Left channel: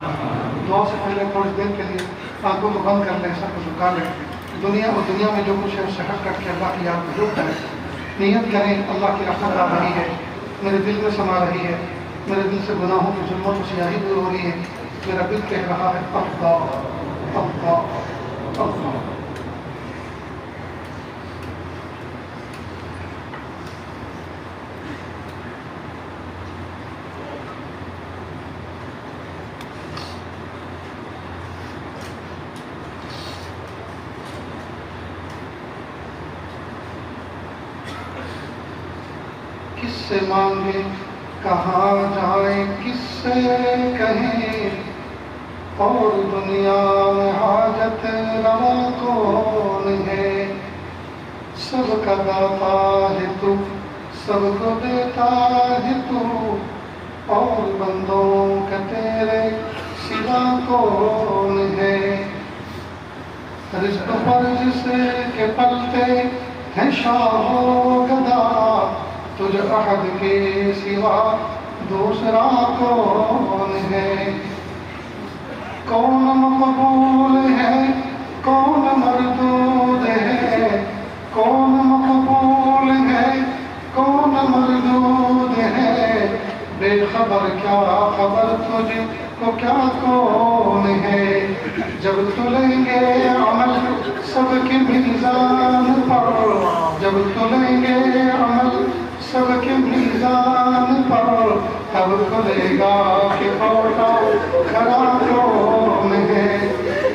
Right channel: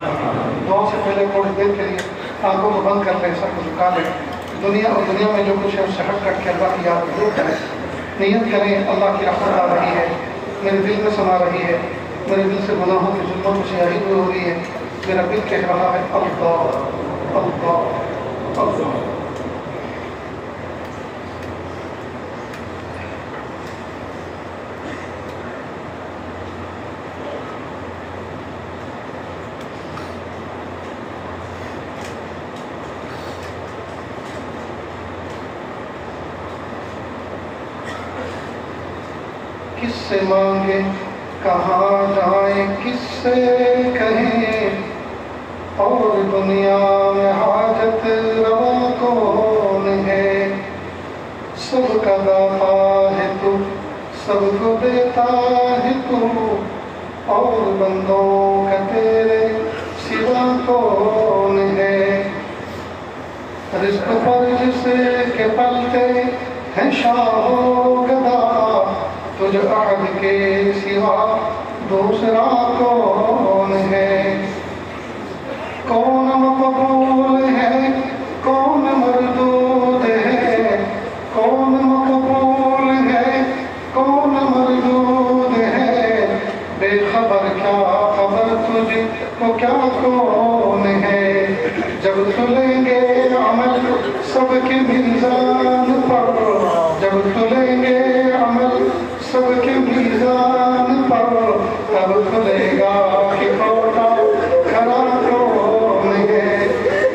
دعا سے پہلے تھوڑی دیر کے لیے آنکھوں کو بند کر لیں، سب کو جھکا لیں. دنیا اور دنیا میں جو کچھ ہے اس سے ہٹ کر کے اللہ کی یاد کو روک کریں. نیت کریں اللہ کی رحمت آ رہی ہے، میرے دل میں سما رہی ہے، میرے دل سے گناہوں کی ظلمت و سیاہی دور ہو رہی ہے. میرا دل کہہ رہا ہے اللہ اللہ اللہ. کس سے مانگے کہاں جائیں، کس سے کہیں، اور دنیا میں حاجت روا کون ہے. سب کا داتا ہے تو، سب کو دیتا ہے تو، اور بندوں کا تیرے سوا کون ہے. رزق پر جس کے پلتے ہیں شاہ و گدا، تجھ احد کے سوا دوسرا کون ہے. کون مقبول ہے کون مردود ہے، کون مقبول ہے کون مردود ہے. بے خبر کیا خبر تجھ کو کیا کون ہے. جب تلیں گے عمل سب کے میزان پر، جب تلیں گے عمل سب کے میزان پر، تب کھلے گا کہ کھوٹا کھلا کون ہے.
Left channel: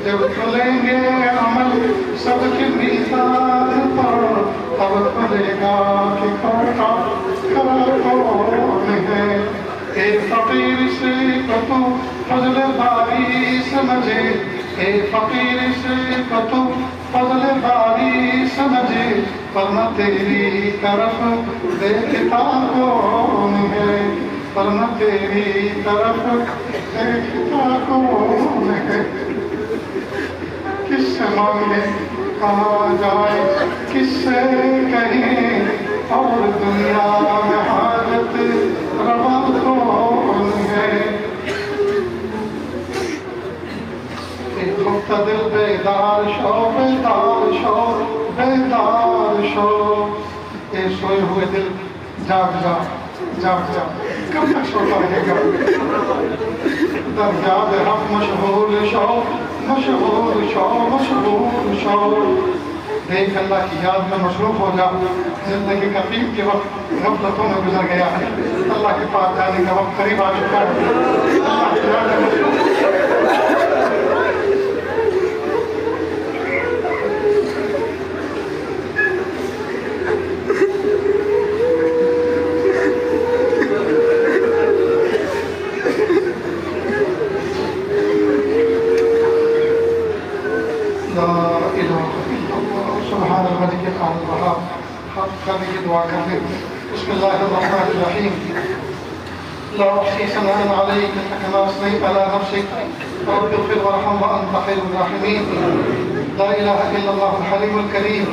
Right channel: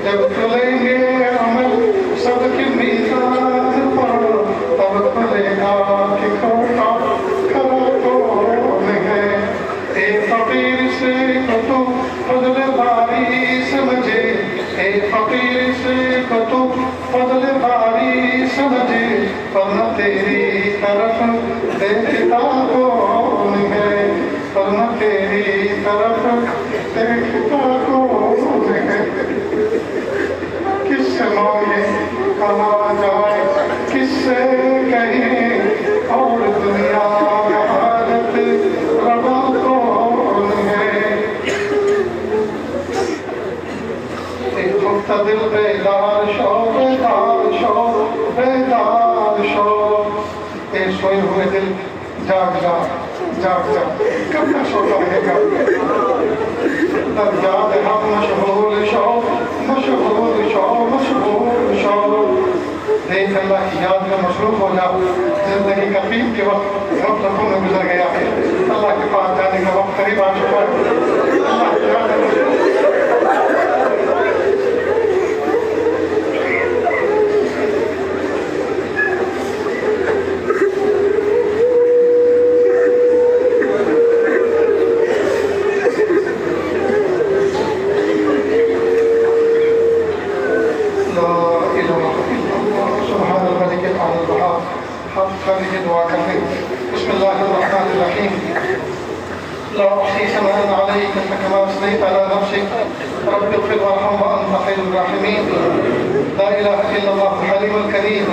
جب تلیں گے عمل سب کے میزان پر، تب کھلے گا کہ کھوٹا کھلا کون ہے. ایک فقیر سے تو فضل باری سمجھے، ایک فقیر سے تو فضل باری سمجھے، ورنہ تیری طرف دیکھتا کون ہے، ورنہ تیری طرف دیکھتا کون ہے. کس سے مانگے کہاں جائے، کس سے کہیں، اور دنیا میں حاجت روا کون ہے. ایک دھوکتا دل بیدار شو، بیدار شو، بیدار شو. اے سوئے ہوئے دل جاگ جا، جاگ جا، کب تک سوتا رہے گا. دریاب ہم مشغول شو، مشغول شو، مشغول شو. دیکھ اللہ کی یاد میں مصروف ہو جا. زندگی کا پیک کے وقت غفلتوں میں گزر گیا ہے، اللہ کے پاس جانے کا وقت قریب آ چکا ہے. اللہ کی یاد میں دعا کریں. بسم اللہ الرحمن الرحیم. لا احصی ثناء علیک انت کما اثنیت علی نفسک رب اغفر وارحم وانت خیر الراحمین. لا الہ الا اللہ الحلیم الکریم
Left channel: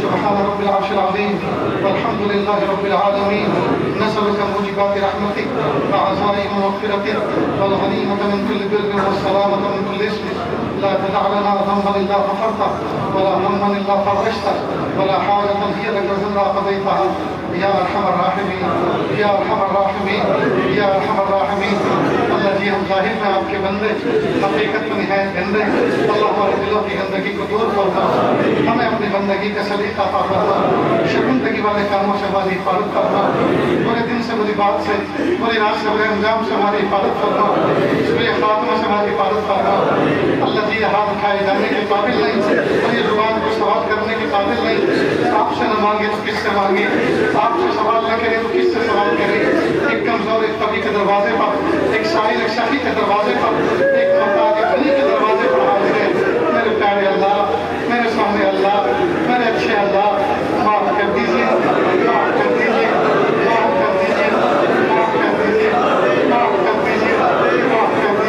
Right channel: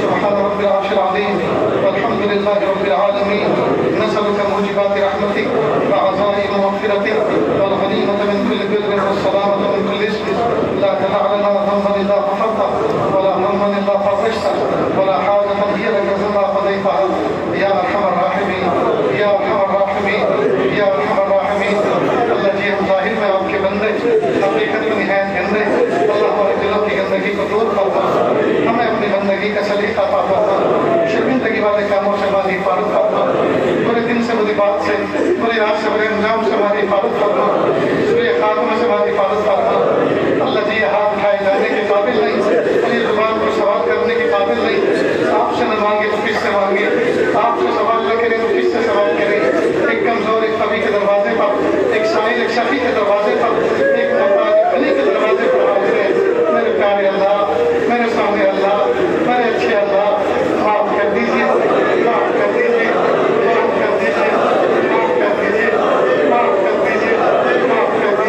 سبحان رب العرش العظیم والحمد للہ رب العالمین. نسألک موجبات رحمتک وعزائم مغفرتک والغنیمة من كل بر والسلامة من كل اسم. لا تدع لنا ذنبا الا غفرته ولا هما الا فرجته ولا حاجة هي لك رضا قضيتها یا ارحم الراحمین، یا ارحم الراحمین، یا ارحم الراحمین. اللہ جی ہم ظاہر میں آپ کے بندے، حقیقت میں نہایت بندے. اللہ ہمارے دلوں کی گندگی کو دور فرما، ہمیں اپنی بندگی کا سلیقہ عطا فرما. شرمندگی والے کاموں سے ہماری حفاظت فرما، برے دن سے بری بات سے، بری رات سے برے انجام سے ہماری حفاظت فرما، سوء خاتمہ سے ہماری حفاظت فرما. اللہ جی یہ ہاتھ اٹھائے جانے کے قابل نہیں، اور یہ زبان کو سوال کرنے کے قابل نہیں. آپ سے نہ مانگے تو کس سے مانگے، آپ سے سوال نہ کرے تو کس سے سوال کرے. ایک کمزور ایک کبھی کے دروازے پر، ایک سائل ایک شفیع کے دروازے پر، ایک محتاج ایک غنی کے دروازے پر حاضر ہے. میرے پیارے اللہ، میرے سامنے اللہ، میرے اچھے اللہ، معاف کر دیجیے، معاف کر دیجیے، معاف کر دیجیے، معاف کر دیجیے، معاف کر دیجیے، معاف کر دیجیے.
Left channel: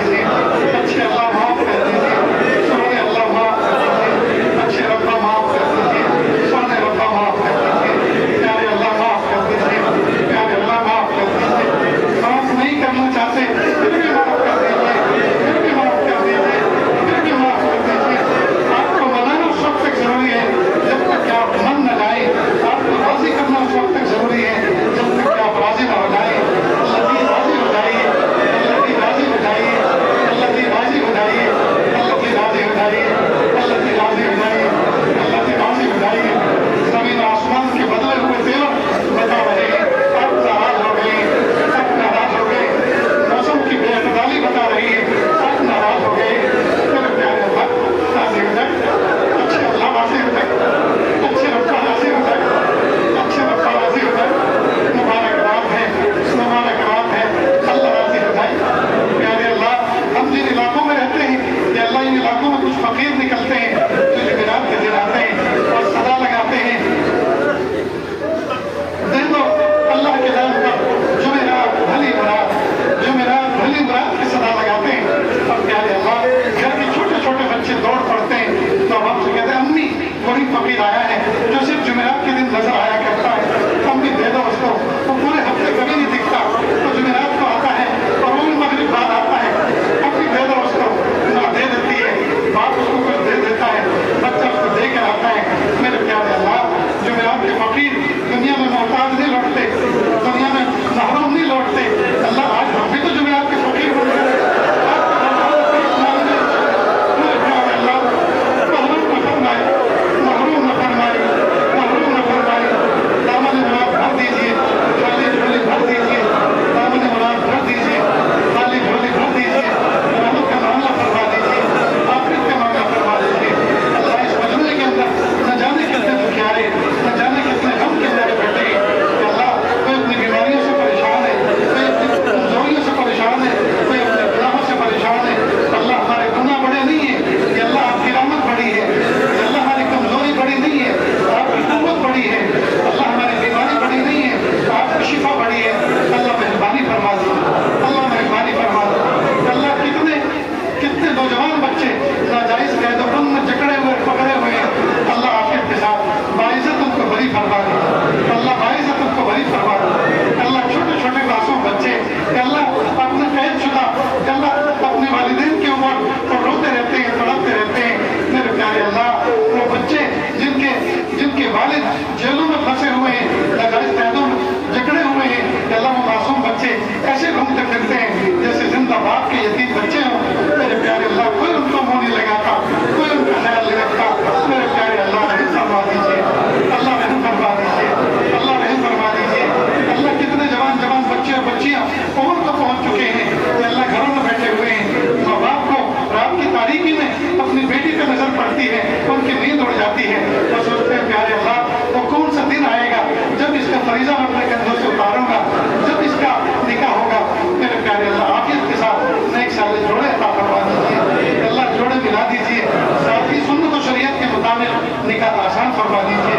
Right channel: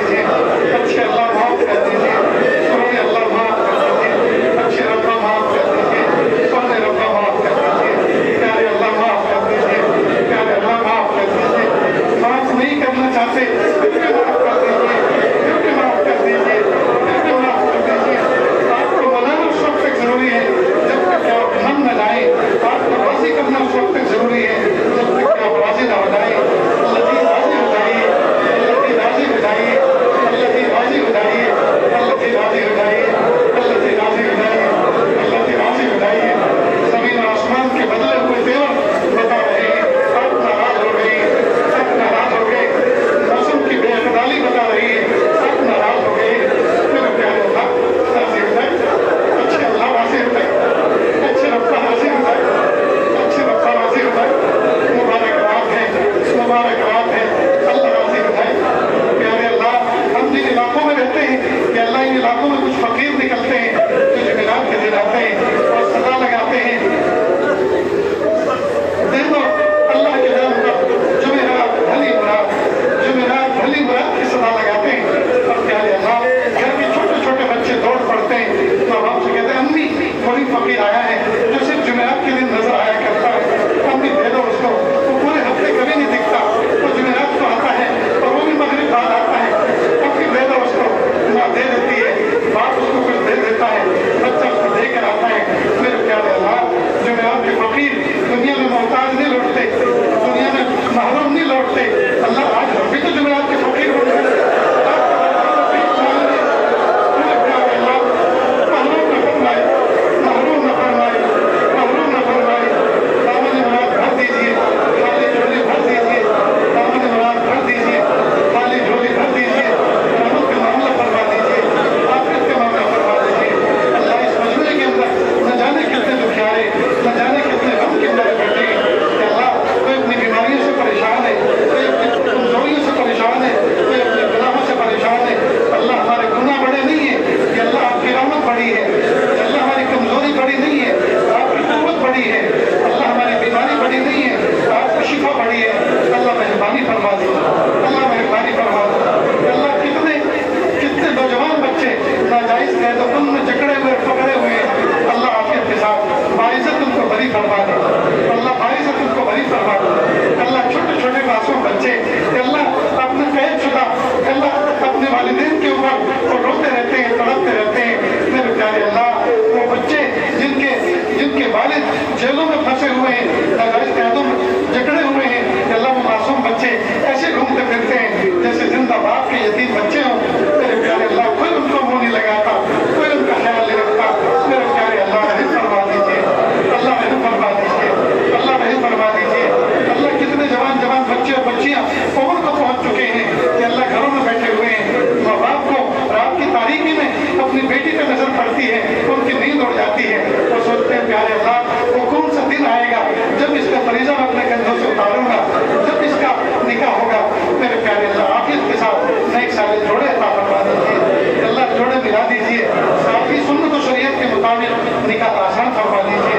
दिला दीजिए। साथ ही सुन्नत और शरीयत के मुताबिक निकाह आसान फरमा दीजिए,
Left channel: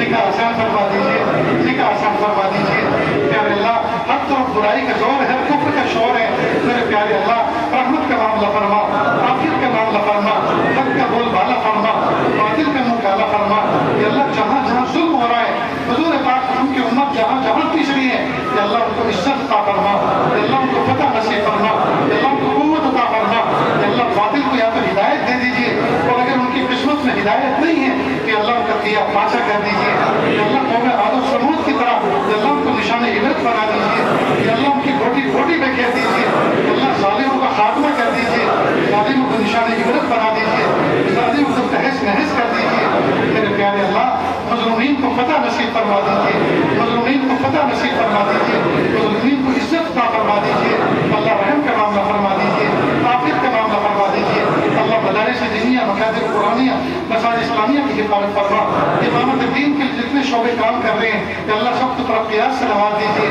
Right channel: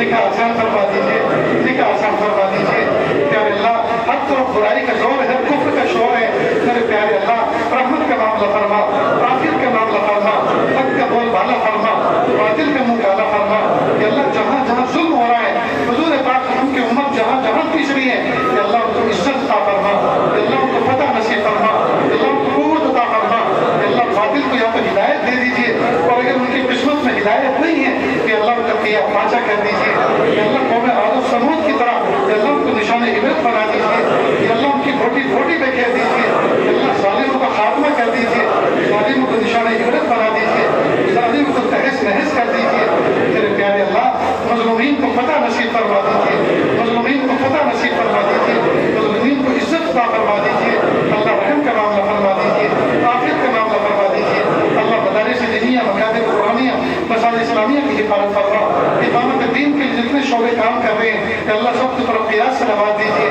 निकाह आसान फरमा दीजिए, निकाह आसान फरमा दीजिए। प्यारे अल्लाह, हर तरफ बुराई का जोर है, कुफ्र का शोर है। मेरे प्यारे अल्लाह, रहमत का मामला फरमा, आखिर का मामला फरमा, हक का बोल बाला फरमा, बातिल का मुंह काला फरमा। या अल्लाह, जहाँ जहाँ जुल्म हो रहा है, हुजूर पाक उनकी उम्मत जहाँ जहाँ पिछड़ी है, या अल्लाह उनको इज्जत अता फरमा, या अल्लाह उनको फतह नसीब फरमा, या अल्लाह उनको कुव्वत अता फरमा। या अल्लाह, बातिल को या तो हिदायत दे दीजिए, और अगर उनकी किस्मत में हिदायत नहीं है कि अल्लाह उनका किया पाचा कर दीजिए। या अल्लाह, कौम आद और समूद की तरह या अल्लाह उनको निशान इबरत बना दीजिए। या अल्लाह, उनकी घोटी घोटी पे घेर दीजिए। या अल्लाह, जालिमों का खात्मा कर दीजिए, जालिमों को निशान इबरत बना दीजिए, जालिमों को तहस नहस कर दीजिए। मेरे प्यारे अल्लाह, मज़लूमीन को फतह नसीब फरमा दीजिए, मज़लूमीन को फतह नसीब फरमा दीजिए, मज़लूमीन को इज्जत अता फरमा दीजिए। अल्लाह, रहम का मामला फरमा दीजिए, आफियत का मामला फरमा दीजिए। अल्लाह, मदारिस दीनिया, मकातिब कुरानिया, मसाजिद इस्लामिया की हिफाजत फरमा। इमामत दीन के जितने शोबे काम कर रहे हैं, अल्लाह सबकी तरफ क़ियास से नवाज दीजिए।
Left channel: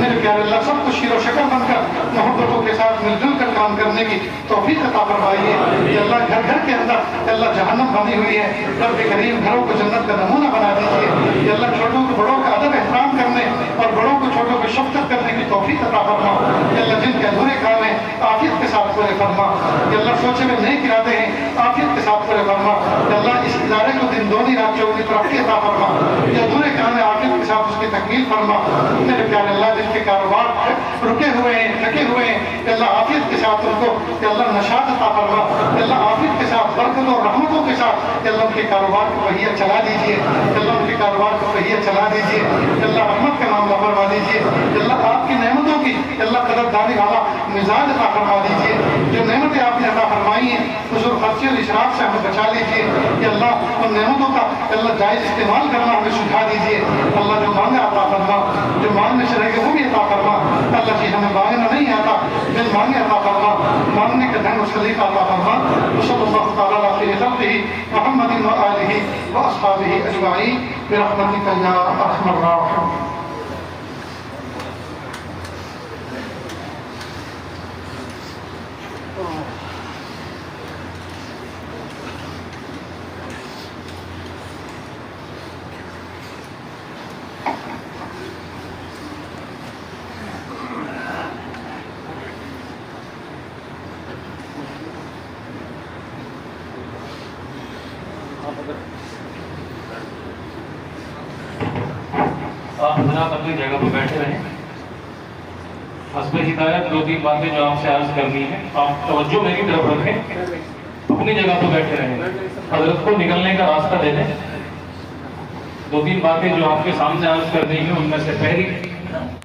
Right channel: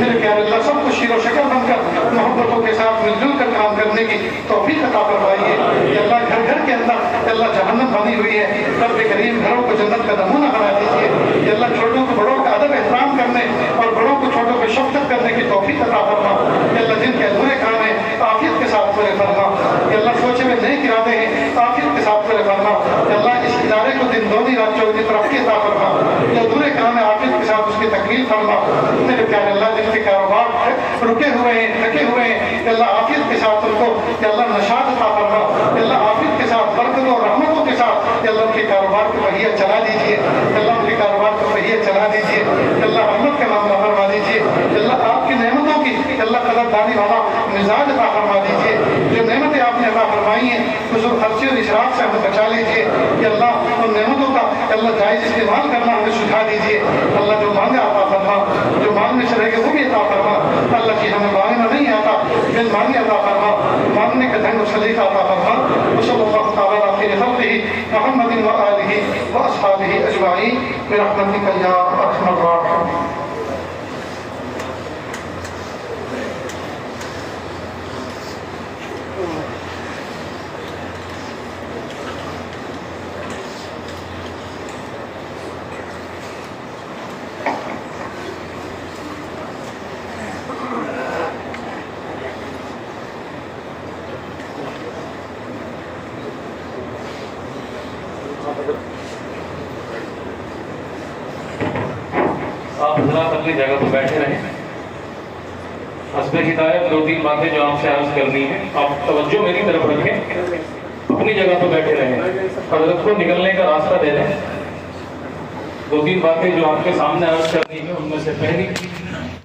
मेरे प्यारे अल्लाह, सबको शीर व शक्ल बनकर मोहब्बतों के साथ मिलजुल कर काम करने की तौफीक अता फरमाइए। या अल्लाह, घर घर के अंदर अल्लाह जहन्नम बनी हुई है, रब करीम घरों को जन्नत का नमूना बना दीजिए। या अल्लाह, छोटों को बड़ों का अदब एहतराम करने और बड़ों को छोटों पे शफ़क़त करने की तौफीक अता फरमा। या अल्लाह, जिनके अधूरे काम हैं आफियत के साथ पूरे फरमा। या अल्लाह, सोचे में नेक इरादे हैं आफियत के साथ पूरे फरमा। या अल्लाह, इस इदारे को दिन दोनी रात चौगनी तरक्की अता फरमा। या अधूरे काम है आफियत के साथ उसकी तकमील फरमा। मेरे प्यारे अल्लाह, जिनके कारोबार रुके हुए हैं, थके हुए हैं, अल्लाह आफियत के साथ उनको या अल्लाह नशात अता फरमा। अल्लाह, आफियत के साथ बरकतों और रहमतों के साथ या अल्लाह उनके कारोबार को पहिया चला दीजिए। अल्लाह, उनके कारोबार को पहिया चला दीजिए। अल्लाह, रहमत का मामला फरमा दीजिए। अल्लाह, आपकी नेमतों की अल्लाह कदरदानी वाला मिजाज अता फरमा दीजिए। जो नेमतें आपने अता फरमाई हैं, हुजूर खर्चे और इशराक से हमें बचा लीजिए। या अल्लाह, उन नेमतों का अल्लाह जायज़ इस्तेमाल करना हमें सिखा दीजिए। अल्लाह, जो मांगा अता फरमा, जो मांगने से रह गए वो भी अता फरमा। अल्लाह जी, हमें मांगना नहीं आता, बिल मांगे अता फरमा, मांगने का ढंग और सलीका अता फरमा। सल्लल्लाहु तआला अला खैरि खल्क़िही मुहम्मदिन व आलिही व अस्हाबिही अजमाईन बिरहमतिका या अरहमर राहिमीन। आप हजरात अपनी जगह पर बैठे रहें। हस्बे हिदायत दो तीन बातें जो आपसे अर्ज करनी है, आप तवज्जो मेरी तरफ रखें, अपनी जगह पर बैठे रहें, हजरत को निकलने का रास्ता दे दें। दो तीन बातें जो आपके सामने अर्ज करनी है, उनमें से पहली